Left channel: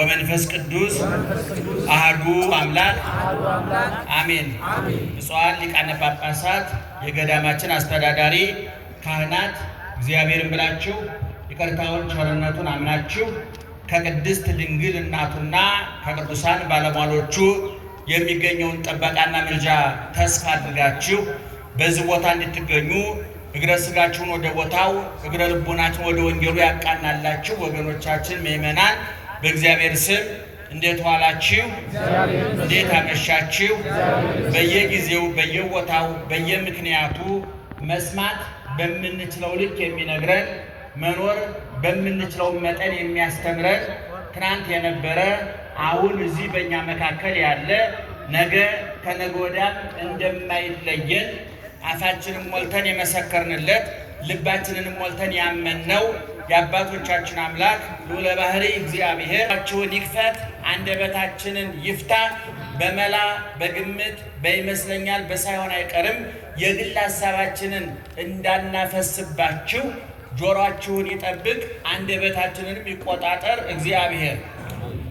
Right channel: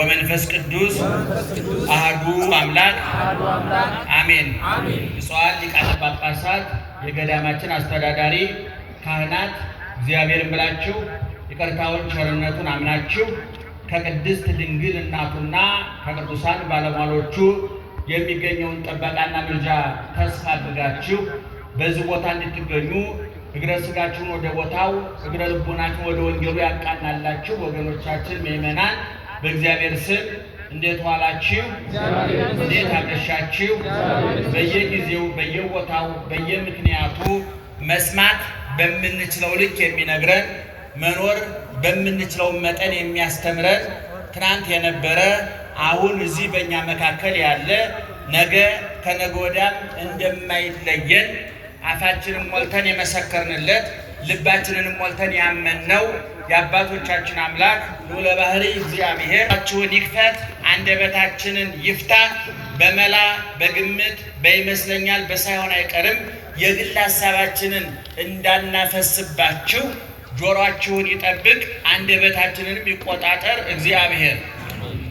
ወመንፈስ ቅዱስ አሐዱ አምላክ አሜን። ብፁዓን ሊቃነ ጳጳሳት፣ የገዳማችን አስተዳዳሪ፣ ካህናት እግዚአብሔርን ብላችሁ ይቅርታውን ቸርነቱን አምናችሁ ከቅድስት ድንግል እናቱና ከቅዱሳን ባለሟሎቹ የሚገኘውን ጥበቃና ምልጃ ተስፋ አድርጋችሁ በዚህ ቦታ እንድትገኙ እግረ ሥጋችሁን ወደ ቦታው እግረ ልቦናችሁን ወደ ወንጌሉ ያቃናላችሁ ወገኖቻችን ምእመናን በእግዚአብሔር ስም እንዴት ዋላችሁ? እንዴት አመሻችሁ? በየጊዜው በየቦታው በየምክንያቱ መስማት በምንችለው ልክ የሚነግረን መኖር በምንችለው መጠን የሚያስተምረን ትናንት የነበረ አሁን እዚህ በእኛ መካከል ያለ ነገ ከነገ ወዲያም እንደማይለየን አፋችንን ሞልተን የመሰከርንለት ልባችንን ሞልተን ያመንነው የአባቶቻችን አምላክ ልዑለ ባሕርይ እግዚአብሔራችሁን ይክፈት፣ አንደበታችንን ይፍታ። በመላ በግምት በይመስለኛል በሳይሆን አይቀርም የግል ሀሳባችንን እንዳናፈስባችሁ ጆሮአችሁን ይጠብቅ፣ አንደበታችንንም ይቆጣጠር እግዚአብሔር።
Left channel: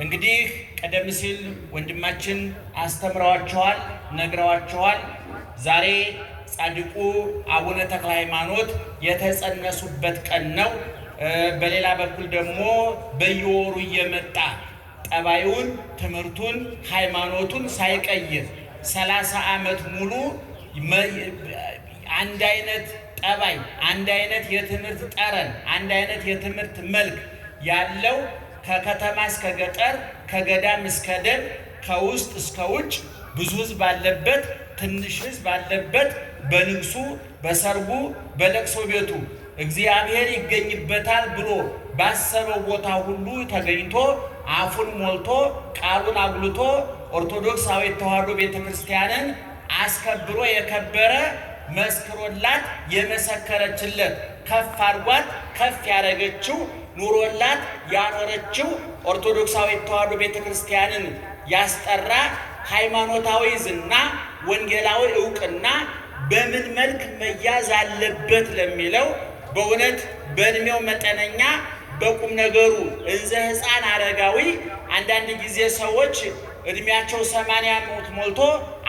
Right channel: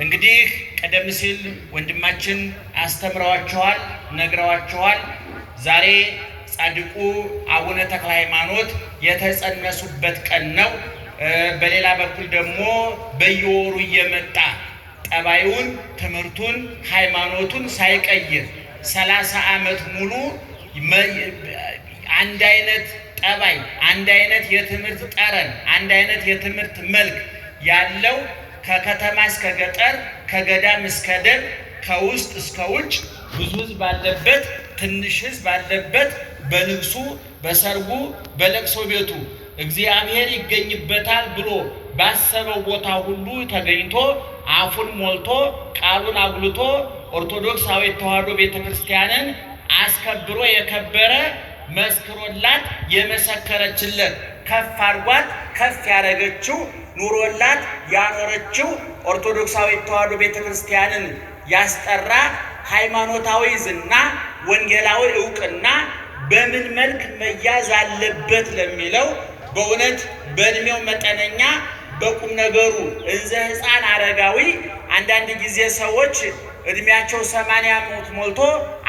እንግዲህ ቀደም ሲል ወንድማችን አስተምረዋችኋል፣ ነግረዋችኋል። ዛሬ ጻድቁ አቡነ ተክለ ሃይማኖት የተጸነሱበት ቀን ነው። በሌላ በኩል ደግሞ በየወሩ እየመጣ ጠባዩን፣ ትምህርቱን፣ ሃይማኖቱን ሳይቀይር 30 ዓመት ሙሉ አንድ አይነት ጠባይ፣ አንድ አይነት የትምህርት ጠረን፣ አንድ አይነት የትምህርት መልክ ያለው ከከተማ እስከ ገጠር፣ ከገዳም እስከ ደብር፣ ከውስጥ እስከ ውጭ ብዙ ሕዝብ ባለበት፣ ትንሽ ሕዝብ ባለበት በንግሱ፣ በሰርጉ፣ በለቅሶ ቤቱ እግዚአብሔር ይገኝበታል ብሎ ባሰበው ቦታ ሁሉ ተገኝቶ አፉን ሞልቶ ቃሉን አጉልቶ ኦርቶዶክሳዊት ተዋሕዶ ቤተክርስቲያንን አስከብሮ የከበረ መስክሮላት የመሰከረችለት ከፍ አድርጓት ከፍ ያደረገችው ኑሮላት ያኖረችው ኦርቶዶክሳዊት ተዋሕዶ ቤተክርስቲያንን ያስጠራ ሃይማኖታዊ ዝና፣ ወንጌላዊ ዕውቅና በምን መልክ መያዝ አለበት ለሚለው በእውነት በእድሜው መጠነኛ በቁም ነገሩ እንዘ ሕፃን አረጋዊ። አንዳንድ ጊዜ ሰዎች እድሜያቸው 80 ዓመት ሞልቶ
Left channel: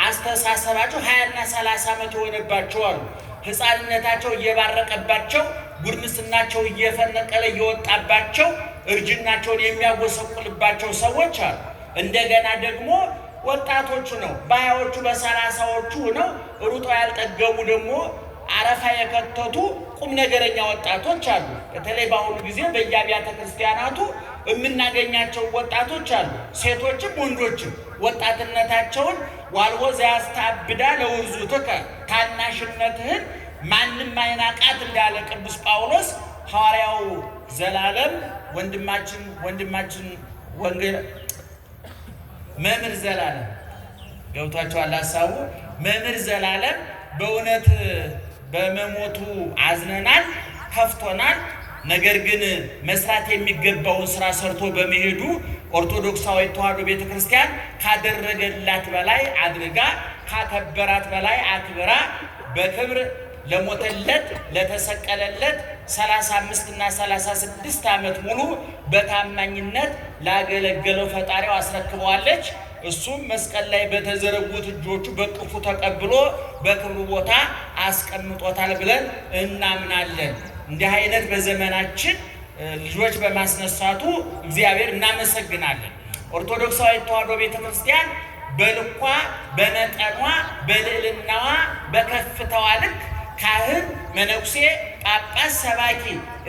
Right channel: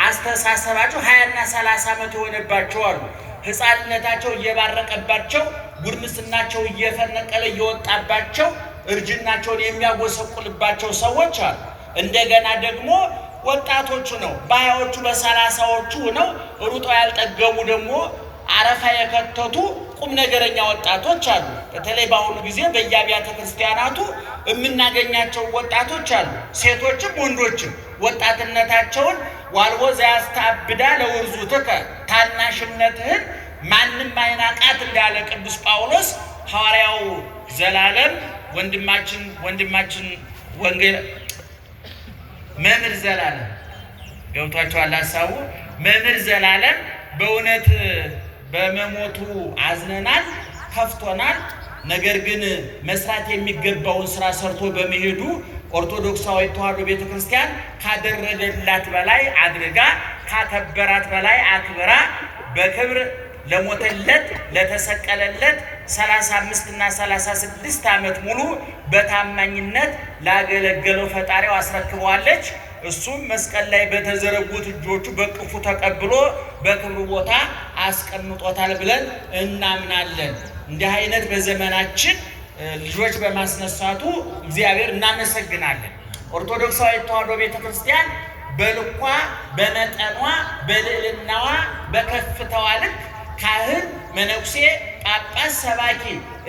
አስተሳሰባቸው 20 እና 30 ዓመት የሆነባቸው አሉ። ሕፃንነታቸው እየባረቀባቸው ጉርምስናቸው እየፈነቀለ እየወጣባቸው እርጅናቸውን የሚያጎሰቁልባቸው ሰዎች አሉ። እንደገና ደግሞ ወጣቶቹ ነው በሀያዎቹ በሰላሳዎቹ ነው ሩጦ ያልጠገቡ ደግሞ አረፋ የከተቱ ቁም ነገረኛ ወጣቶች አሉ። በተለይ በአሁኑ ጊዜ በየአብያተ ክርስቲያናቱ የምናገኛቸው ወጣቶች አሉ። ሴቶችም ወንዶችም ወጣትነታቸውን ዋልቦ ዘያስተአብዳ ለውርዙትከ፣ ታናሽነትህን ማንም አይናቃት እንዳለ ቅዱስ ጳውሎስ ሐዋርያው ዘላለም ወንድማችን ወንጌል መምህር ዘላለም ገብቷቸዋል ሐሳቡ። መምህር ዘላለም በእውነት በመሞቱ አዝነናል፣ ከፍቶናል። ነገር ግን መስራት የሚገባውን ስራ ሰርቶ በመሄዱ ኦርቶዶክሳዊት ተዋሕዶ ቤተክርስቲያን ካደረገላት በላይ አድርጋ ካከበራት በላይ አክብራ በክብር ለሞተለት ለተሰቀለለት 35 እና 36 ዓመት ሙሉ በታማኝነት ላገለገለው ፈጣሪው አስረክበዋለች። እሱም መስቀል ላይ በተዘረጉት እጆቹ በቅፉ ተቀብሎ በክብሩ ቦታ አስቀምጦታል ብለን እናምናለን። እንዲህ አይነት በዘመናችን ልጆች በማስነሳቱ እግዚአብሔር እናመሰግናለን። ኦርቶዶክሳዊት ተዋሕዶ ቤተክርስቲያን በልኳ በመጠኗ በልዕልናዋ በከፍታዋ ልክ ካህን፣ መነኩሴ፣ ጳጳስ፣ ሰባኪ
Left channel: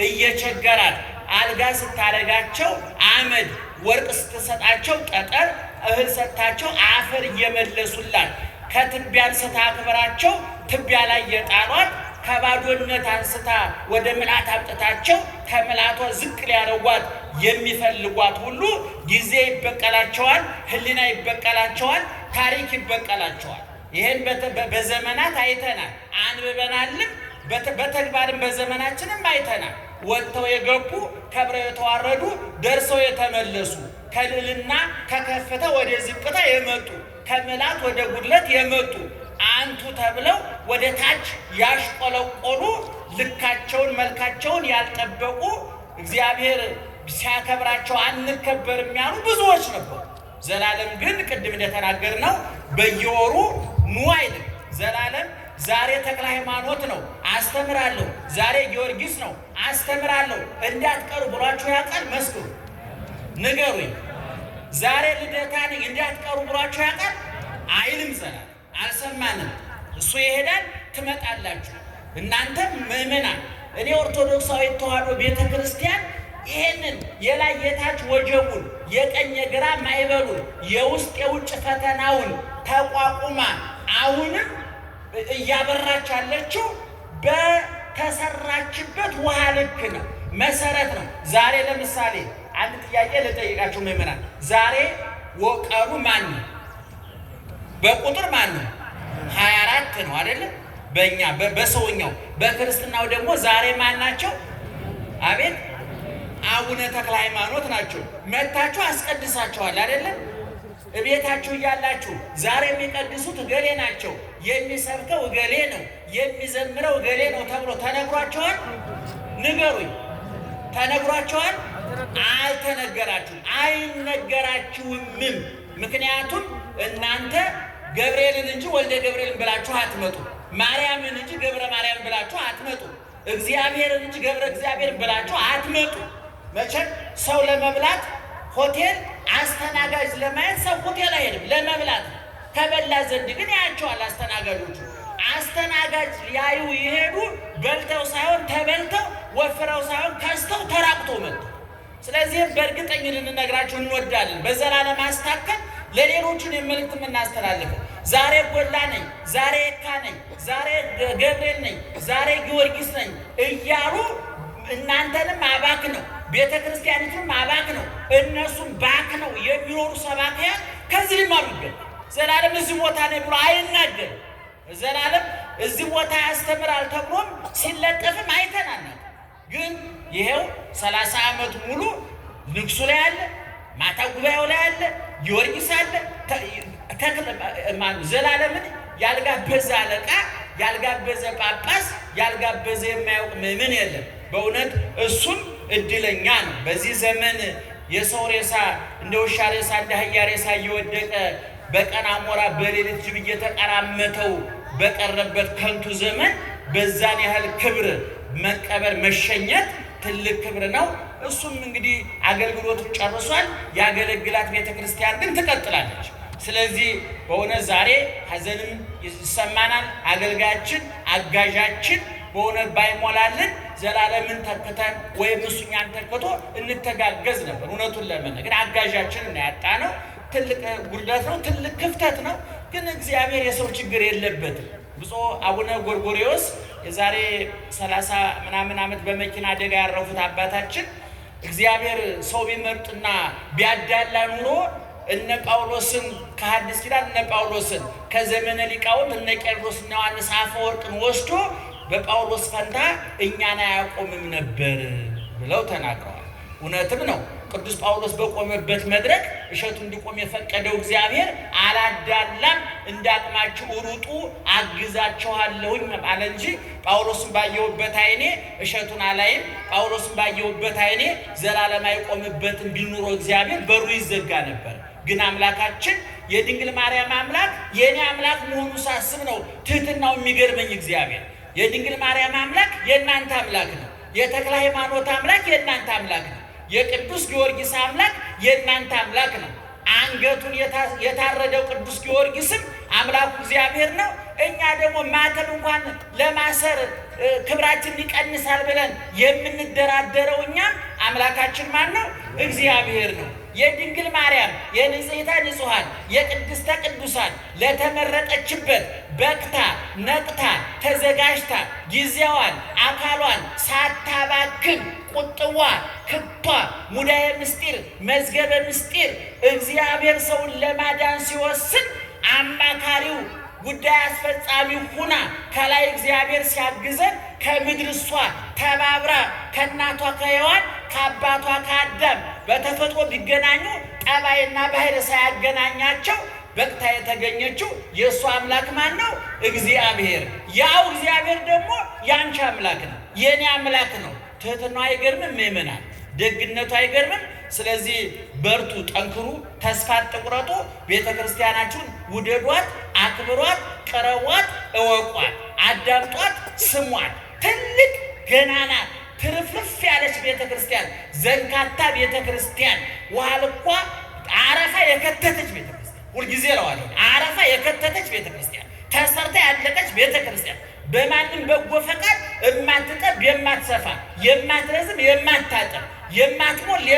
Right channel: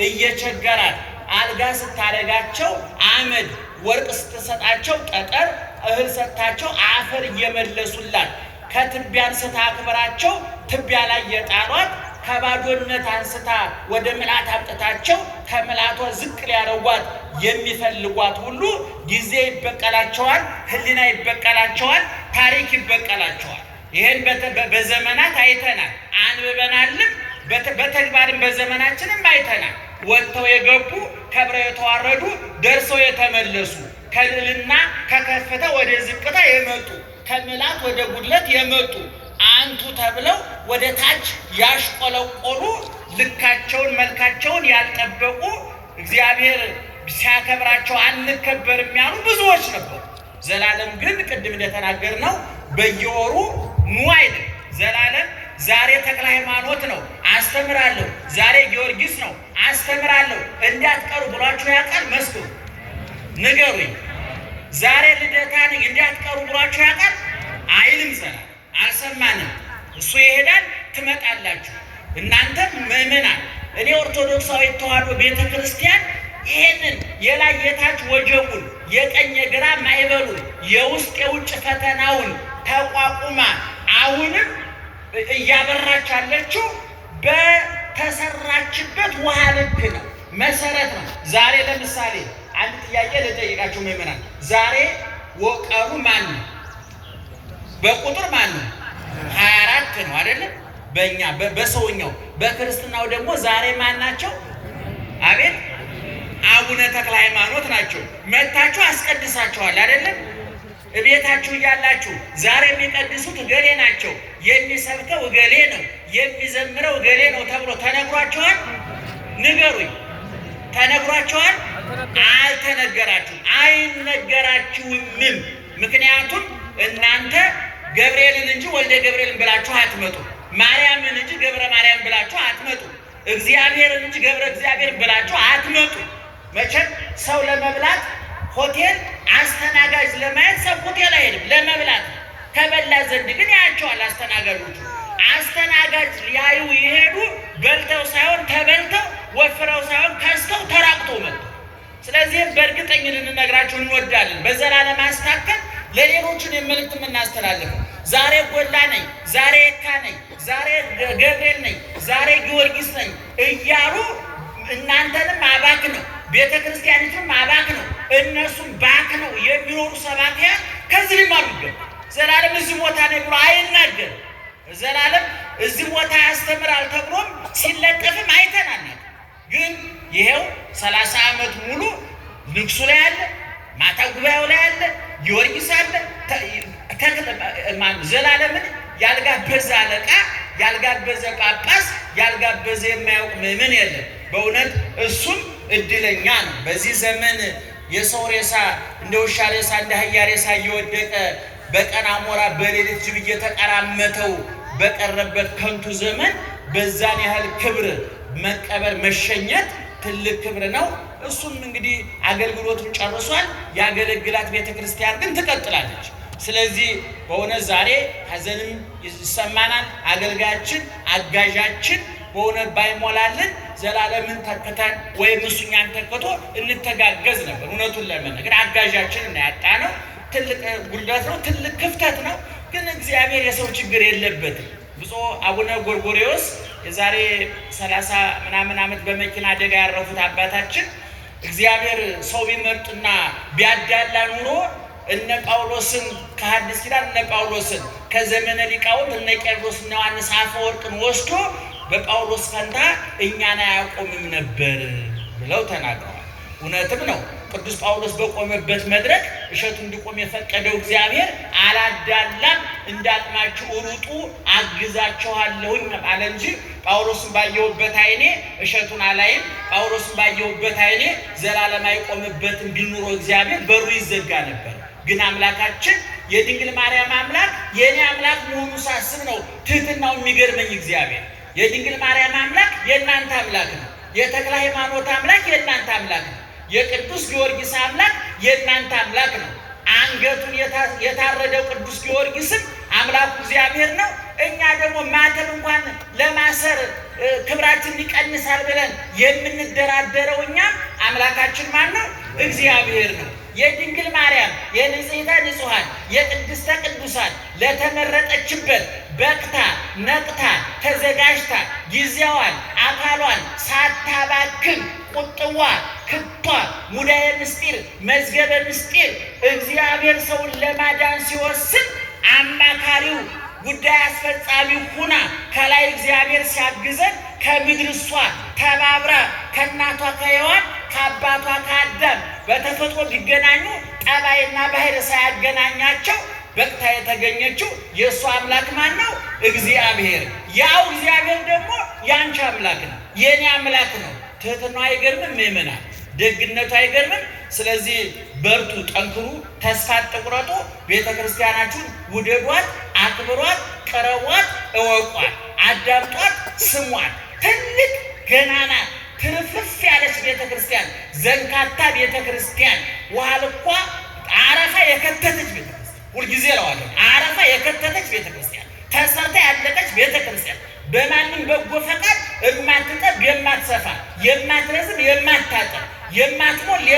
እየቸገራት አልጋ ስታደርጋቸው አመድ፣ ወርቅ ስትሰጣቸው ጠጠር፣ እህል ሰጥታቸው አፈር እየመለሱላት ከትቢያ አንስታ አክብራቸው ትቢያ ላይ የጣሏት ከባዶነት አንስታ ወደ ምልአት አምጥታቸው ከምልአቷ ዝቅ ሊያደርጓት የሚፈልጓት ሁሉ ጊዜ ይበቀላቸዋል፣ ሕሊና ይበቀላቸዋል፣ ታሪክ ይበቀላቸዋል። ይህን በዘመናት አይተናል፣ አንብበናልም፣ በተግባርም በዘመናችንም አይተናል። ወጥተው የገቡ ከብረው የተዋረዱ ደርሰው የተመለሱ ከልዕልና ከከፍታ ወደ ዝቅታ የመጡ ከምልአት ወደ ጉድለት የመጡ አንቱ ተብለው ወደ ታች ያሽቆለቆሉ ልካቸውን መልካቸውን ያልጠበቁ እግዚአብሔር ሲያከብራቸው አንከበርም ያሉ ብዙዎች ነበሩ። ዘላለም ግን ቅድም እንደተናገርነው በየወሩ ኑ አይልም። ዘላለም ዛሬ ተክለ ሃይማኖት ነው አስተምራለሁ፣ ዛሬ ጊዮርጊስ ነው አስተምራለሁ እንዳትቀሩ ብሏችሁ ያውቃል? መስክሩ፣ ንገሩኝ። ዛሬ ልደታ ነኝ እንዳትቀሩ ብሏችሁ ያውቃል? አይልም። ዘላለም አልሰማንም። እሱ ይሄዳል፣ ትመጣላችሁ። እናንተም ምእመናን፣ እኔ ኦርቶዶክሳዊ ተዋሕዶ ቤተ ክርስቲያን ይሄንን የላይ የታች ወጀቡን የቀኝ የግራ ማዕበሉን የውስጥ የውጭ ፈተናውን ተቋቁማ አሁንም እያበራች ያለችው በተሰራችበት ውሃ ልክ ነው፣ መሰረት ነው። ዛሬ ለምሳሌ አንድ ጥያቄ ልጠይቃችሁ ምእመናን፣ ዛሬ ወቀሩ ማን ነው? በቁጥር ማን ነው? 24 ነው አይደለም? በእኛ በሰውኛው። በክርስትናው ደግሞ ዛሬ ማን ናቸው? አቤት አቡነ ተክለ ሃይማኖት ናቸው። መታችሁ አስቀድሳችኋል አይደለም? እቤታችሁ እያላችሁ ዛሬ የሚቀድሱት እገሌ ናቸው፣ የሚሰብከው እገሌ ነው፣ የሚዘምረው እገሌ ነው ተብሎ ተነግሯቸዋል? ንገሩኝ። ተነግሯቸዋል? አልተነገራችሁም፣ አይነገራችሁምም። ምክንያቱም እናንተ ገብርኤልን እንጂ ወልደ ገብርኤልን ብላችሁ አትመጡ፣ ማርያምን እንጂ ገብረ ማርያም ብላችሁ አትመጡ፣ እግዚአብሔርን እንጂ ገብረ እግዚአብሔርን ብላችሁ አትመጡ። መቼም ሰው ለመብላት ሆቴል አስተናጋጅ ለማየት ሰው ሆቴል አይሄድም፣ ለመብላት ከበላ ዘንድ ግን ያያቸዋል አስተናጋጆቹ። አስተናጋጅ ሊያዩ ይሄዱ በልተው ሳይሆን ተበልተው፣ ወፍረው ሳይሆን ከስተው ተራቁተው መጡ። ስለዚህም በእርግጠኝ ልንነግራችሁ እንወዳለን። በዘላለም ማስታከል ለሌሎቹን የመልእክት የምናስተላልፈው ዛሬ ጎላ ነኝ፣ ዛሬ የካ ነኝ፣ ዛሬ ገብርኤል ነኝ፣ ዛሬ ጊዮርጊስ ነኝ እያሉ እናንተንም አባክ ነው፣ ቤተ ክርስቲያኒቱም አባክ ነው፣ እነሱም ባክ ነው የሚኖሩ ሰባክያን ከዚህ ሊማሩ ይገባል። ዘላለም እዚህ ቦታ ነኝ ብሎ አይናገርም። ዘላለም እዚህ ቦታ ያስተምራል ተብሎም ሲለጠፍም አይተናል። ግን ይሄው 30 ዓመት ሙሉ ንግሱ ላይ አለ፣ ማታ ጉባኤው ላይ አለ፣ ጊዮርጊስ አለ። ዘላለምን ያልጋበዘ አለቃ፣ ያልጋበዘ ጳጳስ፣ ያልጋበዘ የማያውቅ ምእመን የለም። በእውነት እሱም እድለኛ ነው። በዚህ ዘመን የሰው ሬሳ እንደ ውሻ ሬሳ እንደ አህያ ሬሳ እየወደቀ በቀን አሞራ በሌሊት ጅብ እየተቀራመተው በቀረበት ከንቱ ዘመን በዛን ያህል ክብር መቀበር መሸኘት ትልቅ ክብር ነው። እሱም እንግዲህ አገልግሎቱን ጨርሷል። ያገለግላት ቤተክርስቲያን ግን ትቀጥላለች። ስለዚህ በእውነት ዛሬ ሐዘንም ይሰማናል። አገልጋያችን አጋዣችን በእውነት ባይሞላልን ዘላለምን ተክተን ወይም እሱኛን ተክቶ እንተጋገዝ ነበር። እውነቱን ለመናገር አጋዣችን እናያጣ ነው። ትልቅ ጉድለት ነው፣ ትልቅ ክፍተት ነው። ግን እግዚአብሔር የሰው ችግር የለበትም። ብፁዕ አቡነ ጎርጎርዮስ የዛሬ 30 ምናምን ዓመት በመኪና አደጋ ያረፉት አባታችን እግዚአብሔር ሰው ቢመርጥና ቢያዳላ ኑሮ እነ ጳውሎስን ከሐዲስ ኪዳን እነ ጳውሎስን ከዘመነ ሊቃውንት እነ ቄርሎስና ዮሐንስ አፈወርቅን ወስዶ በጳውሎስ ፈንታ እኛን አያቆምም ነበር ብለው ተናግረዋል። እውነትም ነው። ቅዱስ ጳውሎስ በቆመበት መድረክ እሸቱ እንዲቆም የፈቀደው እግዚአብሔር አላዳላም፣ እንዳቅማችሁ ሩጡ አግዛችኋለሁኝ አለ እንጂ ጳውሎስን ባየሁበት ዓይኔ እሸቱን አላይም፣ ጳውሎስን ባየሁበት ዓይኔ ዘላለም አይቆምበትም ቢል ኑሮ እግዚአብሔር በሩ ይዘጋ ነበር። ግን አምላካችን የድንግል ማርያም አምላክ የኔ አምላክ መሆኑ ሳስብ ነው ትህትናው የሚገርመኝ። እግዚአብሔር የድንግል ማርያም አምላክ የእናንተ አምላክ ነው። የተክለ ሃይማኖት አምላክ የእናንተ አምላክ ነው። የቅዱስ ጊዮርጊስ አምላክ የእናንተ አምላክ ነው። አንገቱን የታረደው ቅዱስ ጊዮርጊስም አምላኩ እግዚአብሔር ነው። እኛ ደግሞ ማተብ እንኳን ለማሰር ክብራችን ይቀንሳል ብለን የምንደራደረው እኛም አምላካችን ማን ነው? እግዚአብሔር ነው። የድንግል ማርያም የንጽሕተ ንጹሐን የቅድስተ ቅዱሳን ለተመረጠችበት በቅታ ነቅታ ተዘጋጅታ ጊዜዋን አካሏን ሳታባክን ቁጥዋ ክቷ ሙዳየ ምስጢር መዝገበ ምስጢር እግዚአብሔር ሰውን ለማዳን ሲወስን አማካሪው ጉዳይ አስፈጻሚ ሁና ከላይ እግዚአብሔር ሲያግዘን ከምድር እሷ ተባብራ ከእናቷ ከሔዋን ከአባቷ ከአዳም በተፈጥሮ ቢገናኙ ጠባይና ባህር ሳያገናኛቸው በቅታ የተገኘችው የእሷ አምላክ ማን ነው? እግዚአብሔር። ያው እግዚአብሔር ደግሞ ያንቺ አምላክ ነው፣ የኔ አምላክ ነው። ትህትናው አይገርምም? ምእመናን ደግነቱ አይገርምም? ስለዚህ በርቱ፣ ጠንክሩ፣ ተስፋ አትቁረጡ። ቤተክርስቲያናችሁን ውደዷት፣ አክብሯት፣ ቀረቧት፣ እወቋት፣ አዳምጧት፣ ስሟት። ትልቅ ገናና ትርፍርፍ ያለች ቤተክርስቲያን፣ ዘንካታ ቤተክርስቲያን፣ ዋልኳ አረፋ የከተተች ቤተክርስቲያን፣ ሁልጊዜ እለዋለሁ አረፋ የከተተች ቤተክርስቲያን፣ ተሰርታ ያለቀች ቤተክርስቲያን፣ በማንም በጎ ፈቃድ የማትጠብ የማትሰፋ፣ የማትረዝም የማታጠር፣ የማትሞላ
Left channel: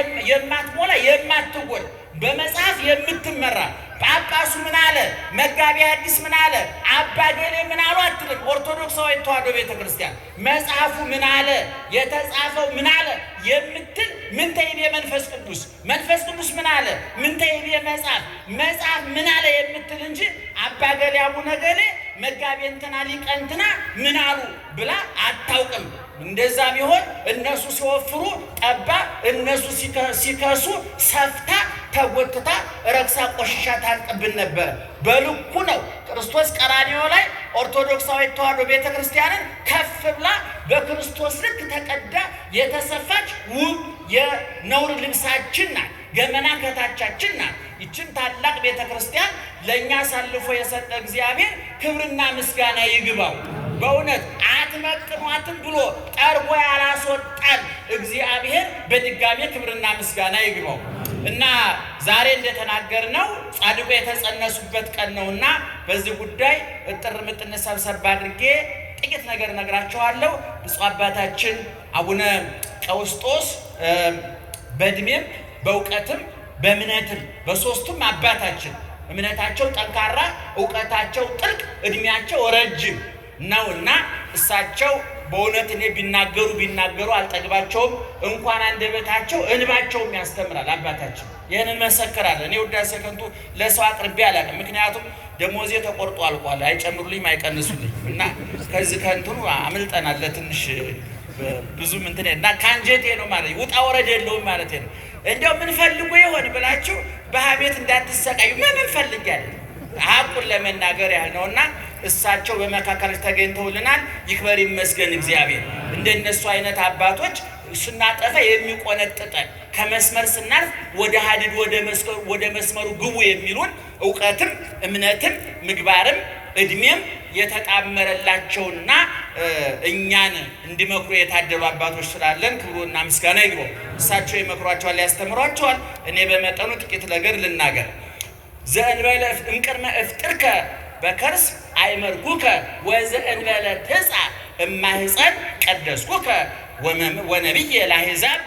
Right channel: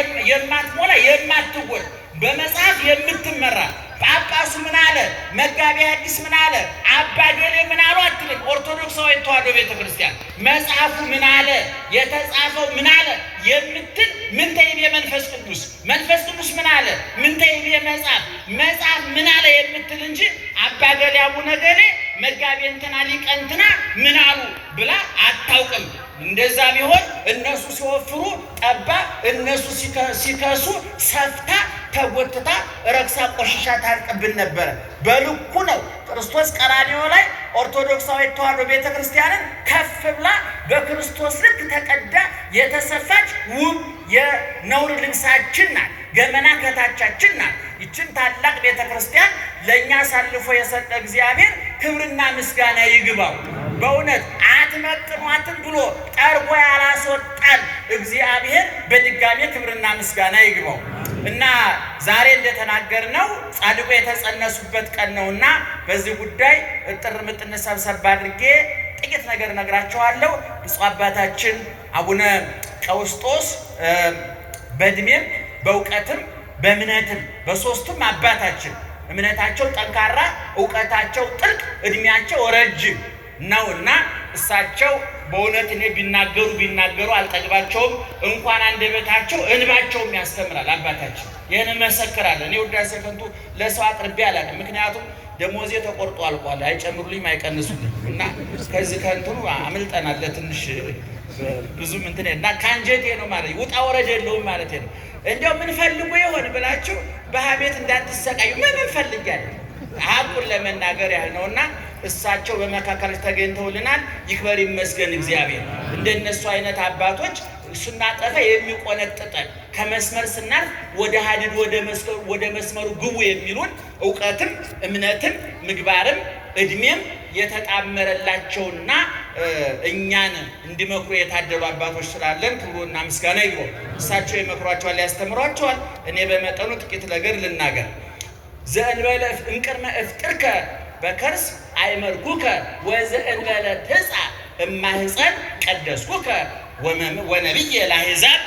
የማትጎል፣ በመጽሐፍ የምትመራ። ጳጳሱ ምን አለ? መጋቤ ሐዲስ ምን አለ? አባ ገሌ ምን አሉ አትልም። ኦርቶዶክሳዊ ተዋሕዶ ቤተክርስቲያን መጽሐፉ ምን አለ? የተጻፈው ምን አለ የምትል ምን ተይቤ መንፈስ ቅዱስ፣ መንፈስ ቅዱስ ምን አለ? ምን ተይቤ መጽሐፍ፣ መጽሐፍ ምን አለ የምትል እንጂ አባ ገሌ አቡነ ገሌ መጋቤ እንትና ሊቀ እንትና ምን አሉ ብላ አታውቅም። እንደዛ ቢሆን እነሱ ሲወፍሩ ጠባ፣ እነሱ ሲከሱ ሰፍታ ተጎትታ ረክሳ ቆሽሻ ታርቅብን ነበር። በልኩ ነው ክርስቶስ ቀራንዮ ላይ ኦርቶዶክሳዊ ተዋሕዶ ቤተክርስቲያንን ከፍ ብላ በክርስቶስ ልክ ተቀዳ የተሰፋች ውብ የነውር ልብሳችን ናት። ገመና ከታቻችን ናት። ይችን ታላቅ ቤተክርስቲያን ለእኛ አሳልፎ የሰጠ እግዚአብሔር ክብርና ምስጋና ይግባው። በእውነት አትመጥኗትም ብሎ ጠርጎ ያላስወጣን እግዚአብሔር በድጋሜ ክብርና ምስጋና ይግባው እና ዛሬ እንደተናገርነው ጻድቁ የተጸነሱበት ቀን ነውና በዚህ ጉዳይ እጥር ምጥን ሰብሰብ አድርጌ ጥቂት ነገር ነግራቸዋለሁ። ብፁዕ አባታችን አቡነ ቀውስጦስ በእድሜም በእውቀትም በእምነትም በሶስቱም አባታችን እምነታቸው ጠንካራ፣ እውቀታቸው ጥልቅ፣ እድሜያቸው ረጅም ነውና እሳቸው በእውነት እኔ ቢናገሩ አልጠግባቸውም። እንኳን አንደበታቸው እንባቸውም ያስተምራል። አባታችን ይህን መሰክራል። እኔ ውዳሴ ከንቱ ለሰው አቅርቤ አላውቅም። ምክንያቱም ደሞዜ ተቆርጦ አልቋል። አይጨምሩልኝም አይቀንሱልኝ እና ከዚህ ከንትኑ አምልጠናል። ለትንሽ ብዙም እንትን እና ከአንጀቴ ነው ማለት ውጣ ወረድ የለውም ማለት ነው። እንደው ምን ፈልጎ ይሆን ብላችሁ በሀቤት እንዳትሰቃዩ። ምን ፈልጋለሁ ሀቁን ለመናገር ያህል ነውና እሳቸው በመካከል ተገኝተውልናል። ይክበር ይመስገን እግዚአብሔር። እንደነሱ አይነት አባቶች ስናጠፋ የሚቆነጥጠን ከመስመር ስናልፍ ወደ ሀዲድ ወደ መስመሩ ግቡ የሚሉን እውቀትም እምነትም ምግባርም እድሜም የተጣመረላቸውና እኛን እንዲመክሩ የታደሉ አባቶች ስላለን ክብሩና ምስጋና ይግባው። እሳቸው ይመክሯቸዋል፣ ያስተምሯቸዋል። እኔ በመጠኑ ጥቂት ነገር ልናገር። ዘእንበለ እምቅድመ እፍጥርከ በከርስ አይመርኩከ ወዘእንበለ ትጻ እማህፀን ቀደስኩከ ወነቢየ ለአሕዛብ